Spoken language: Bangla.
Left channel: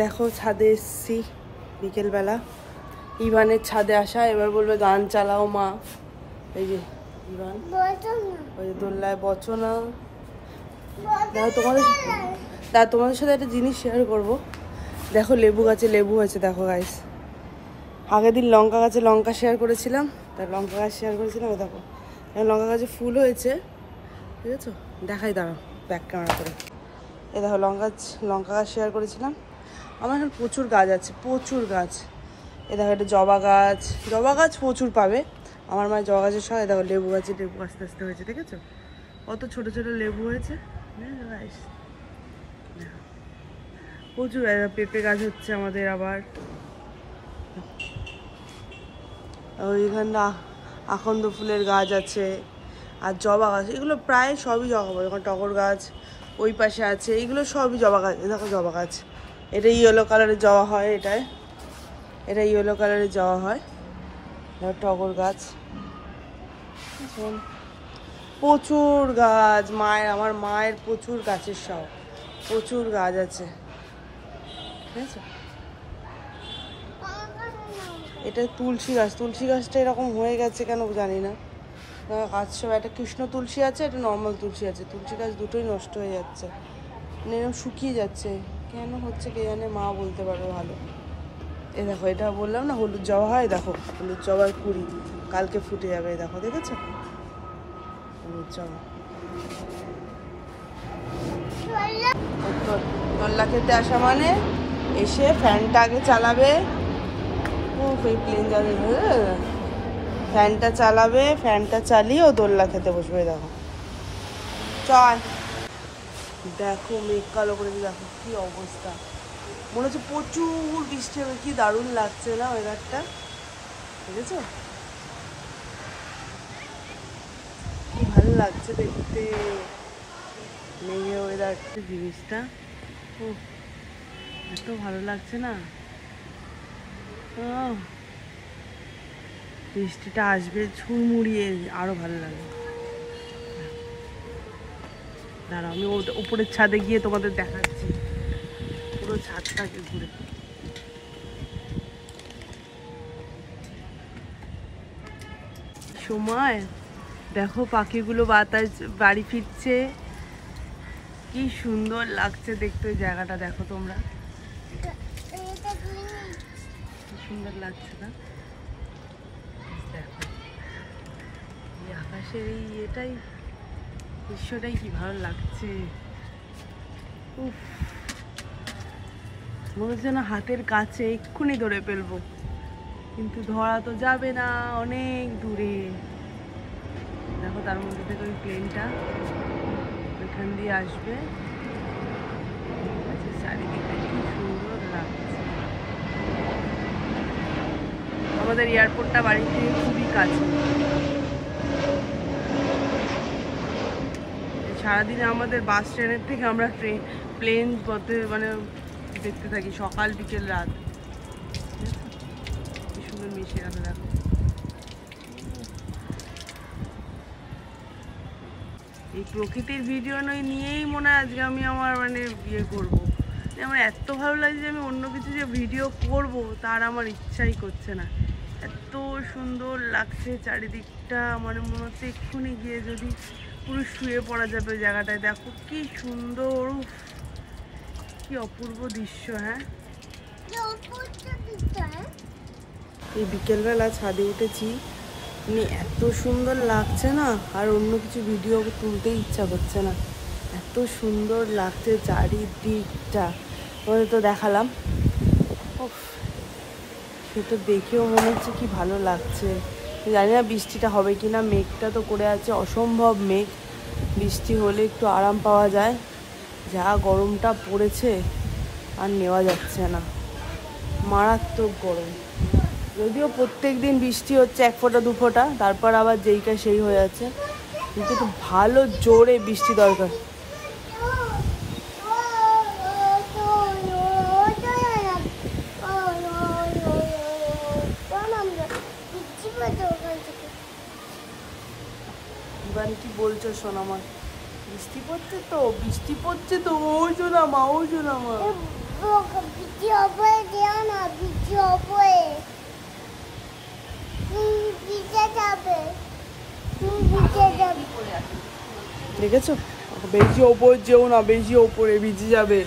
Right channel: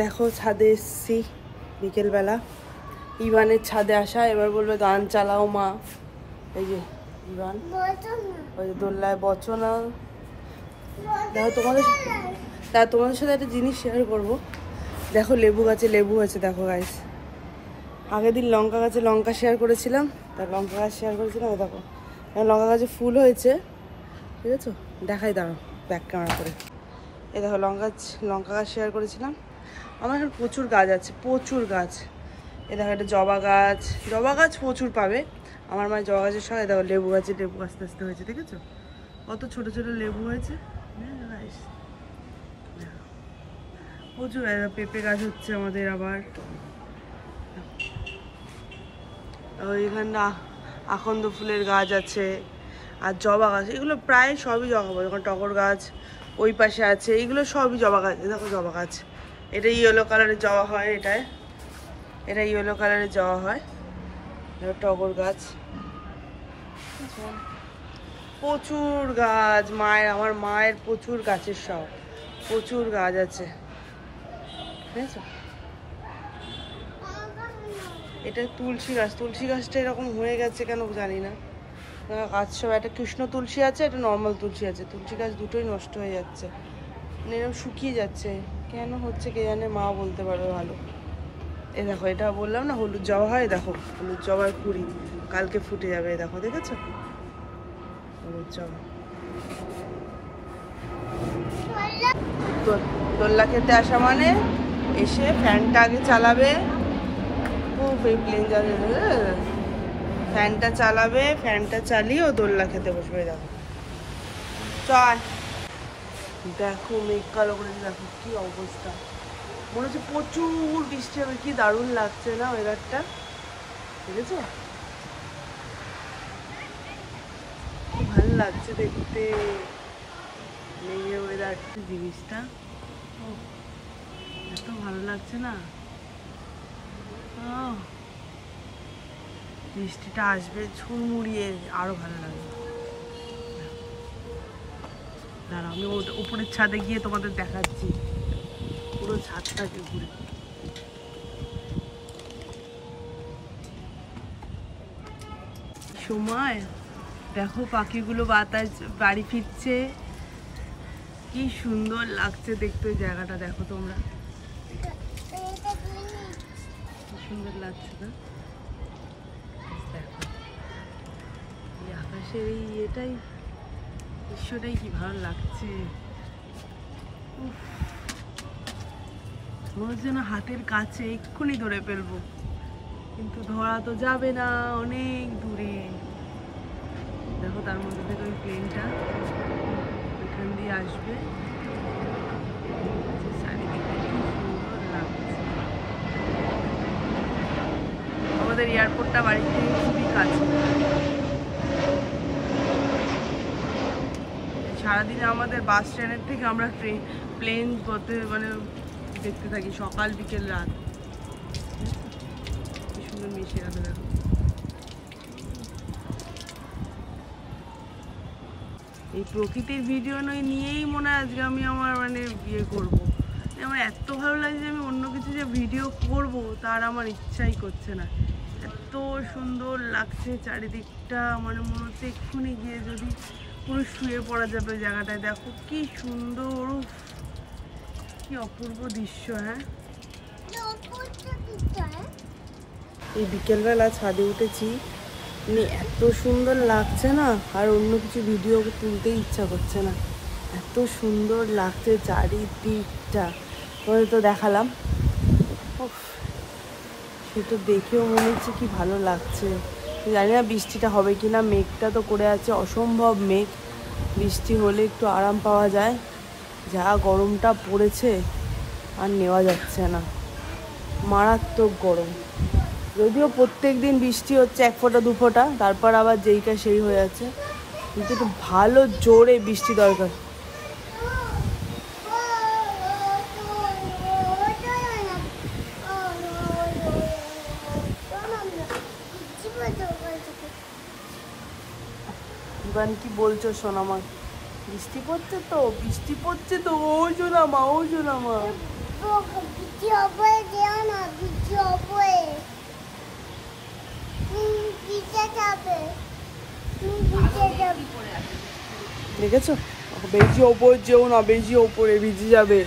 দেখো ছাদে এসছি বিকেলবেলা, ইভানের ছাদে আসা। এবার বলবে গান চালাও মা। এই যে গান, ওই দোল্লায় বচনা। দেখো তোমাদের সাথে একটা জিনিস শেয়ার করবো। দেখো লেবু গাছে লেবু হয়েছে, দেখো গাইস। আগের দিন লঙ্কা গাছে লঙ্কা শেয়ার করেছিলাম, তার লঙ্কা গাছ শেয়ার করেছিলাম। দেখো লঙ্কা গাছে ফুল হয়েছে, ঠিক আছে? দেখাই, দাঁড়াও ব্যাক ক্যামেরা করে। এই দেখো লঙ্কা গাছ শেয়ার করেছিলাম। আমার এখন প্রচুর গাছ আছে, প্রচুর গাছ। এ দেখো এটা জবা গাছ প্রচুর পাবে আমার মায়ের জবা গাছের সঙ্গে। দেখো লেবু আস্তে আস্তে হয়েছে, ঠিক আছে? কত ছোট ছোট লেবু হয়েছে, প্রচুর। পেঁপে গাছ হচ্ছে আমাদের আবার। ওইখানে আকন্দ ফুলের গাছ আছে, আর জবা গাছ, এগুলো প্রায় সবই জবা গাছ। যখন টগর গাছ ওই পাশে আছে, এইগুলো সবই জবা গাছ। দেখো জবা গাছ, এটা ইয়েলো কালারের জবা হয়, এটা ইয়েলো কালারের জবা হয়। দেখো টগর গাছ, প্রচুর গাছ। আমার মায়ের প্রচুর গাছের শখ, প্রচুর গাছ আছে, ঠিক আছে? এটা তুলসী গাছটা এরকম হয়ে গেছে কেন জানি না। গাছ সব, একটা কৃষ্ণ তুলসী আছে, একটা নর্মাল তুলসী আছে। তুলসী গাছ দুটোই নষ্ট হয়ে যাচ্ছে, এরকম শুকিয়ে যাচ্ছে। কেন হচ্ছে কে জানে, মা বলতে পারবে ভালো। এ দেখো এটা বললাম না হলুদ জবা হয়, দেখো হলুদ জবার কুড়ি কালকে ফুটে যাবে। দেখো দেখেছো হলুদ জবা। দোল্লা খেতে আসা মানে এসে ফ্যানটা আগে চালাবে। এই প্লেন যাবে, ফ্যানটা চালাবে, ফ্যানটা চালিয়ে ও দোল্লা খেতে বসবে। দেখো চল, দেখো মেঘ কালো করে, দেখো কি অবস্থা। মনে হচ্ছে প্রচুর বৃষ্টি হবে, কি দারুণ লাগছে না ওয়েদারটা, দেখেছো? কি ভালো লাগছে দেখতে মেঘে ওয়েদারটা, জিনিসটা এত ভালো লাগছে না। বৃষ্টিটা আসবে ঝুমুড়িয়ে, আরো ভালো লাগবে। দাঁড়া আমি উপরের ছাদে গিয়ে তোমাদের দেখাচ্ছি পুরো ছাদটাকে ঘুরে। সময় দেখো পাখিগুলো বাতাস বাড়ি ফিরছে, কি সুন্দর লাগছে দেখতে জায়গাটা। দেখো তোমরা কি সুন্দর লাগছে না? দেখো আকাশের এই এটাই, দৃশ্যটাই কি ভালো লাগছে। মনে হচ্ছে না হাতের কাছে এক্ষুনি ধরে ফেলবো, কিন্তু ধরা তো যাবে না, অনেক দূরে। দেখো তার মধ্যে থেকে ওই প্লেনটা এখান দিয়ে আসবে, আমাদের এয়ারপোর্টটা বাড়ি থেকে খুবই কাছে। সারাদিনে আমাদের বাস স্ট্যান্ডের থেকে আমরা প্লেন মানে দেখতে থাকি, সকাল বিকেল রাত। কি সুন্দর মিশে আছে দেখো। এই প্রকৃতির ভিডিও নিয়েই মনে হয় আজকে আমি আমার মানে বিয়ে করবো। আমার এত ভালো লাগছে যে আমি অন্য কিছু যে ভিডিও করব তার আমার ইচ্ছাই করছে না। এত সুন্দর লাগছে চারিদিকটা, আমার মনে হচ্ছে এক্ষুনি গিয়ে যদি পুরো শুয়ে পড়া যাবে জায়গাটায়। দেখো কি সুন্দর, কি অপূর্ব দৃশ্য। হ্যাঁ এই বিকেলবেলা ছাদে উঠেছি, এত সুন্দর লাগছে না, আর অন্য কিছু ভিডিও তুলতেই ইচ্ছা করছে না। এত সুন্দর লাগছে চারিদিকটা, তোমাদের তো দেখালাম। সেটা দেখেও মনে হচ্ছে কি ভালো লাগছে। জানি না বৃষ্টিটা হবে কিনা, মেঘটা তো করে আছে, অসম্ভব মেঘ। বৃষ্টি হলে একটু আরাম পাওয়া যায়, যা গরমটা পড়েছে আর নেওয়া যাচ্ছে না, মারাত্মক গরম। যদিও প্রত্যেক দিন বৃষ্টি হচ্ছে 1 ফোঁটা 2 ফোঁটা, তারপর আবার যেইকা সেই হয়ে আছে, কিন্তু একটু ভালো জোরে বৃষ্টি দরকার। কি বলছো সোনামা? বৃষ্টি পড়ছে তো, বৃষ্টি পড়ছে তো, ও সোনামা, ও সোনামা। দেখেছো? বেশি ওপর যেও না, বেশি ওপরে ভিজে যাবে।